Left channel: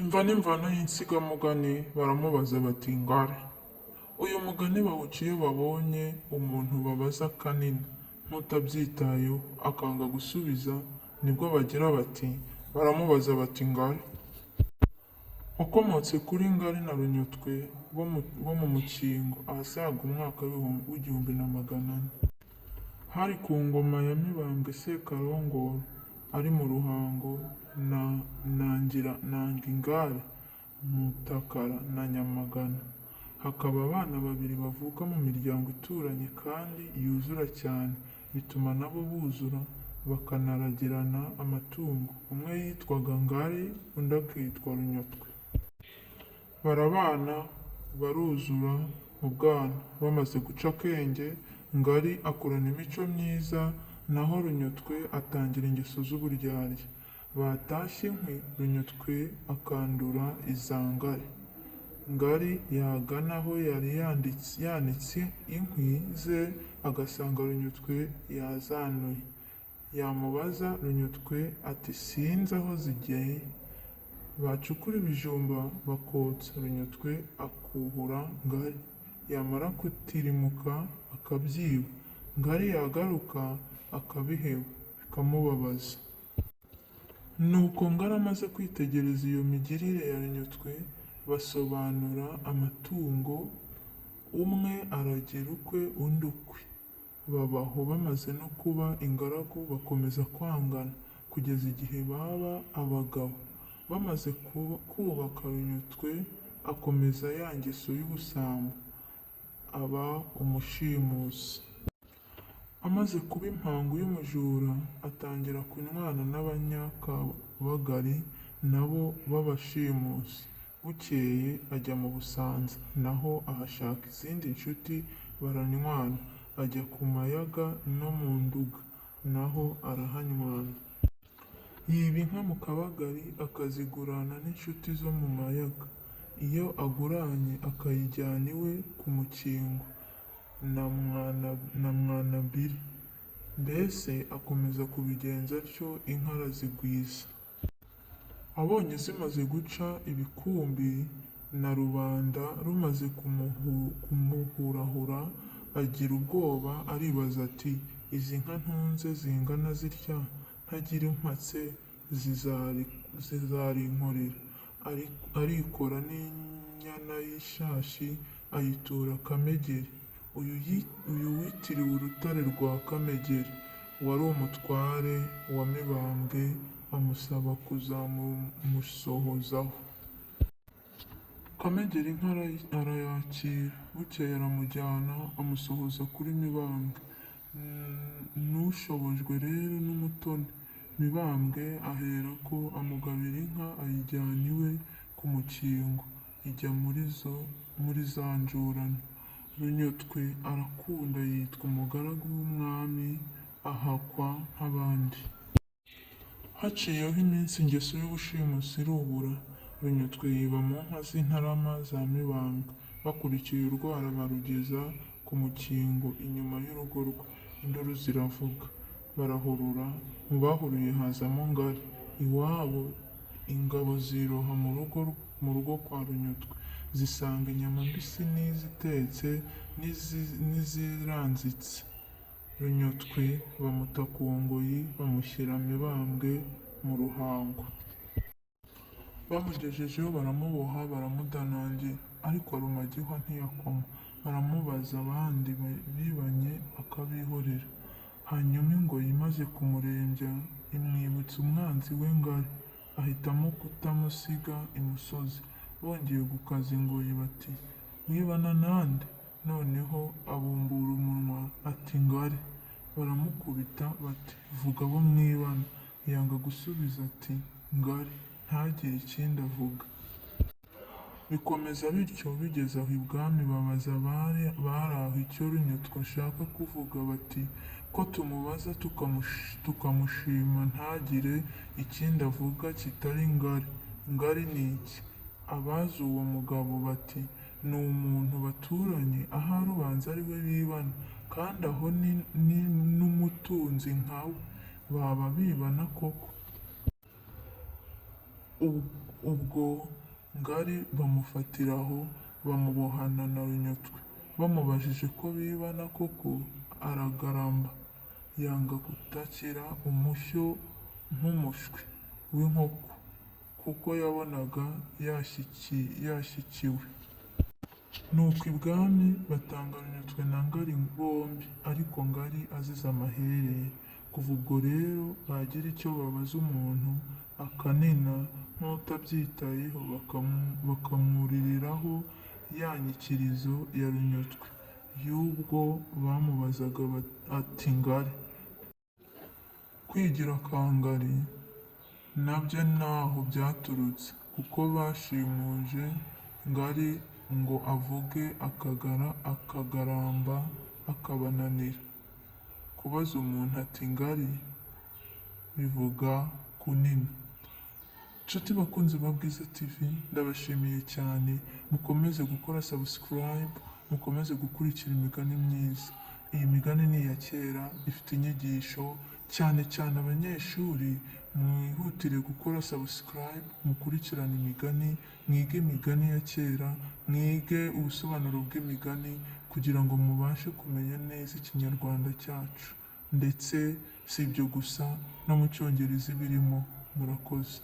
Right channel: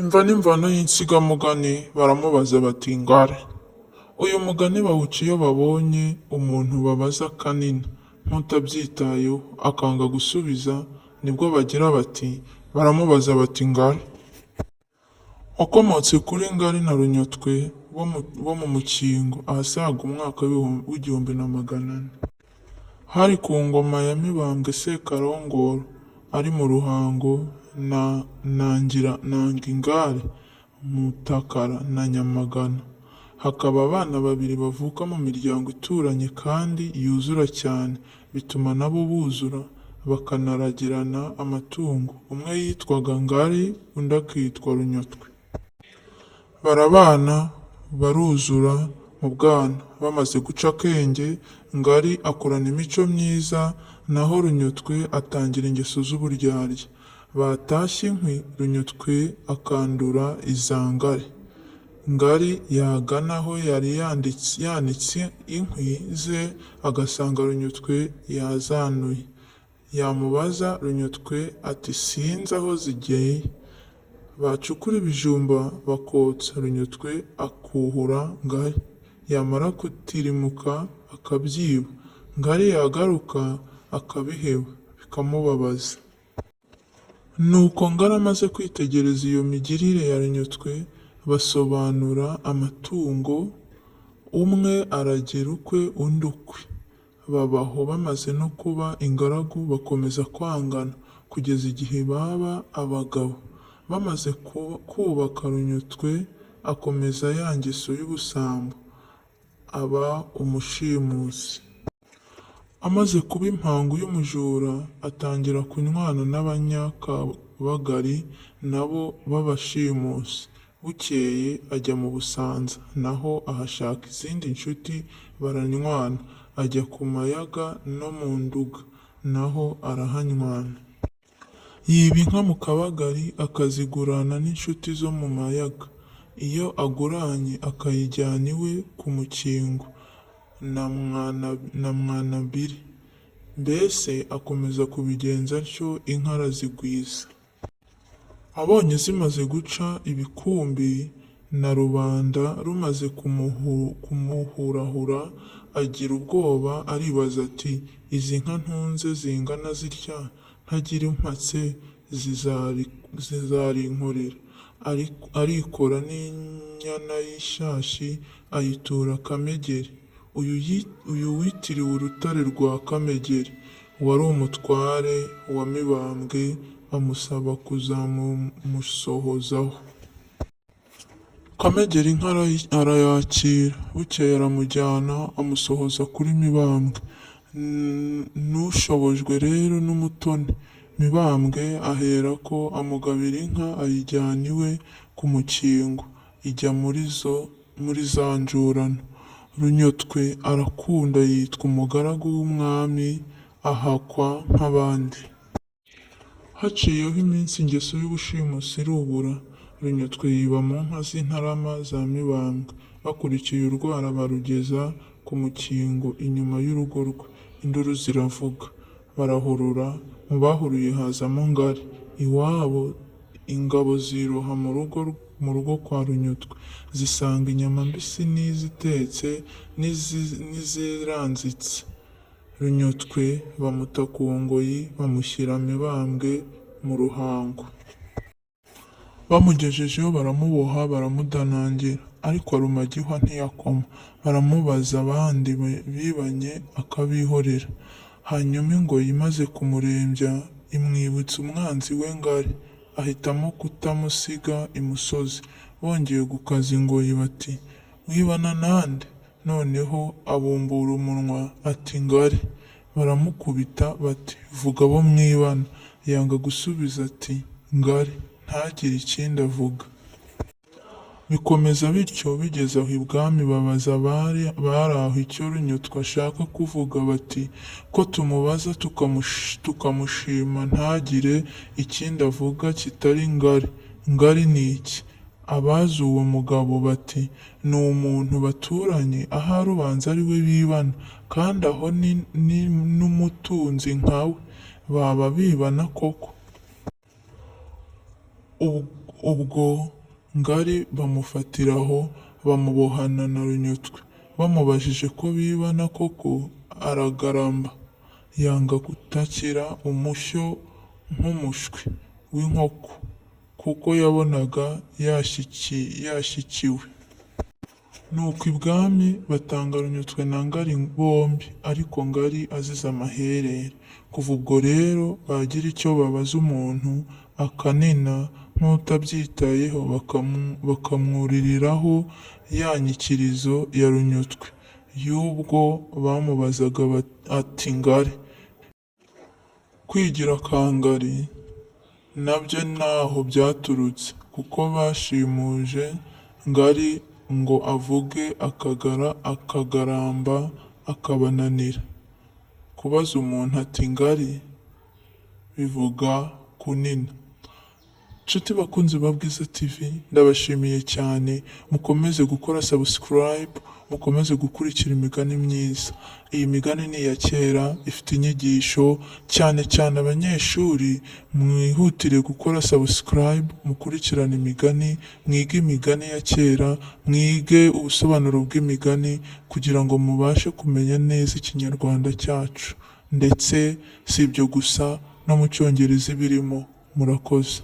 Imva n'imvano y'insigamugani baramubaza bati ngare. Uyu mugani bawuca iyo babonye umuntu babaza kanini nk'utabyitayeho akanga gusubiza, nibwo bagira bati baramubaza bati ngare. Wakomotse kuri Ngari na Runyotwe bo mu Mukingo ahasaga umwaka w'igihumbi na magana ane. Hari ku ngoma ya Mibambwe Sekarongoro ari mu Ruhango na Nangingare, Mutakara na Nyamagana. Hakaba abana babiri bavuka mu miryango ituranye kandi yuzura cyane, bituma nabo buzura bakanaragirana amatungo. Umwe yitwaga Ngari undi akitwa Runyotwe. Barabana baruzura mu bwana. Bamaze guca akenge, Ngari akurana imico myiza, naho Runyotwe atangira ingeso z'uburyarya. Batashye inkwi, Runyotwe akandura iza Ngari. Ngari yagana aho yari yanitse inkwi ze agasanga Runyotwe yazanuye. Yamubaza, Runyotwe ati sinzi aho zigeye. Bacukura ibijumba bakotsa, Runyotwe akuhura Ngari, yamara gutirimuka akabyiba. Ngari yagaruka akabiheba bikamubabaza. Nuko Ngari amaze kwitegereza iyo migirire ya Runyotwe, basobanura amatungo, umwe aragira ukwe undi ukwe. Babaho bamaze no kuba ingaragu, bakomeza kwangana kugeza igihe baba abagabo. Bamaze kubaka, Runyotwe akomeza ya ngeso y'ubusambo, aba umushimusi. Amaze kuba impangu y'umujura, atangira kunywana n'Abanyakabagari nabo b'abashimusi. Bukeye ajya mu Busanza, naho ahashaka izindi nshuti baranywana. Ajya ku Mayaga no mu Nduga, naho arahanywana. Yiba inka mu Kabagari akazigurana n'inshuti zo mu Mayaga. Iyo aguranye akayijyana iwe ku Mukingo na Mwanabiri. Mbese akomeza kubigenza atyo, inka arazigwiza. Abonye zimaze guca ibikumbi na rubanda rumaze kumuhurahura, agira ubwoba aribaza ati izi nka ntunze zingana zitya ntagira impatse zizarinkorera. Arikora n'inyana y'ishashi ayitura Kamegeri. Uyu witiriwe urutare rwa Kamegeri wari umutware wa Mibambwe, amusaba kuzamumusohozaho. Kamegeri inka arayakira. Bukeye aramujyana amusohoza kuri Mibambwe. N'ushobojwe rero n'umutoni, Mibambwe aherako amugabira inka ayijyana iwe ku Mukingo, ijya muri za njurano. Runyotwe arakunda, yitwa umugaragu w'umwami, ahakwa nk'abandi. Haciyeho iminsi ingeso y'ubushimusi irubura. Runyotwe yiba mu nka z'Intarama za Mibambwe. Bakurikiye urwara barugeza ku Mukingo inyuma y'urugo rwe. Induru ziravuga, barahurura. Mu bahuruye hazamo Ngari. Iwabo ingabo ziroha mu rugo kwa Runyotwe, zisanga inyama mbisi n'izitetse n'iziranzitse. Runyotwe bamuta ku ngoyi, bamushyira Mibambwe mu Ruhango. Bamugejejeho baramuboha, baramudanangira, ariko Rumagihwa ntiyakoma. Baramubaza abandi bibanye akabihorera. Hanyuma ingoyi imaze kumurembya imwibutsa umwanzi we Ngari, ahitamo kutamusiga imusozi. Bongeye gukaza ingoyi bati wibana nande? Noneho abumbura umunwa ati Ngari. Baramukubita bati vuga abo mwibana. Yanga gusubiza ati Ngari, ntagire ikindi avuga. Bikomeza bityo, bigeze aho ibwami babaza abari aho icyo Runyotwe ashaka kuvuga. Bati ko tumubaza tukamushima ntagire ikindi avuga kitari Ngari. Ngari ni iki? Abazi uwo mugabo bati ni umuntu baturanye, ahari ubanza ari we bibana, kandi aho ni n'umutunzi nkawe. Baba bibana koko? ubwo Ngari bamufatiraho bamubohana na Runyutwe. Bamubajije ko bibana koko aragaramba, yanga gutakira umushyo nk'umushwi w'inkoko, kuko yabonaga yashyikiwe. Nuko ibwami batanga Runyutwe na Ngari bombi, ariko Ngari azize amaherere. Kuva ubwo rero bagira icyo babaza umuntu akanena nk'utabyitayeho bakamwuririraho ya nyikirizo ya Runyutwe y'ubwo bamubazaga ati Ngari. Kwigira kwa Ngari nabyo ntaho byaturutse, kuko bashimuje Ngari ngo avuge akagaramba akabananira. Kubaza umuntu ati Ngari bivuga kunena. Nshuti bakunzi ba Bwiza TV, ndabashimiye cyane. Mukomeze gukora subscribe, mukomeze gukurikira imigani myiza. Iyi migani ni iya kera, ifite inyigisho, cyane cyane abanyeshuri mwihutire gukora subscribe, mukurikirane imigani, mwige imigani ya kera, mwige ubusobanuro bw'imigani, kugira ngo mubashe kumenya neza ikinyarwanda cyacu. Ndetse si ibyo gusa, no mu cyongereza ibirimo. Murakoze.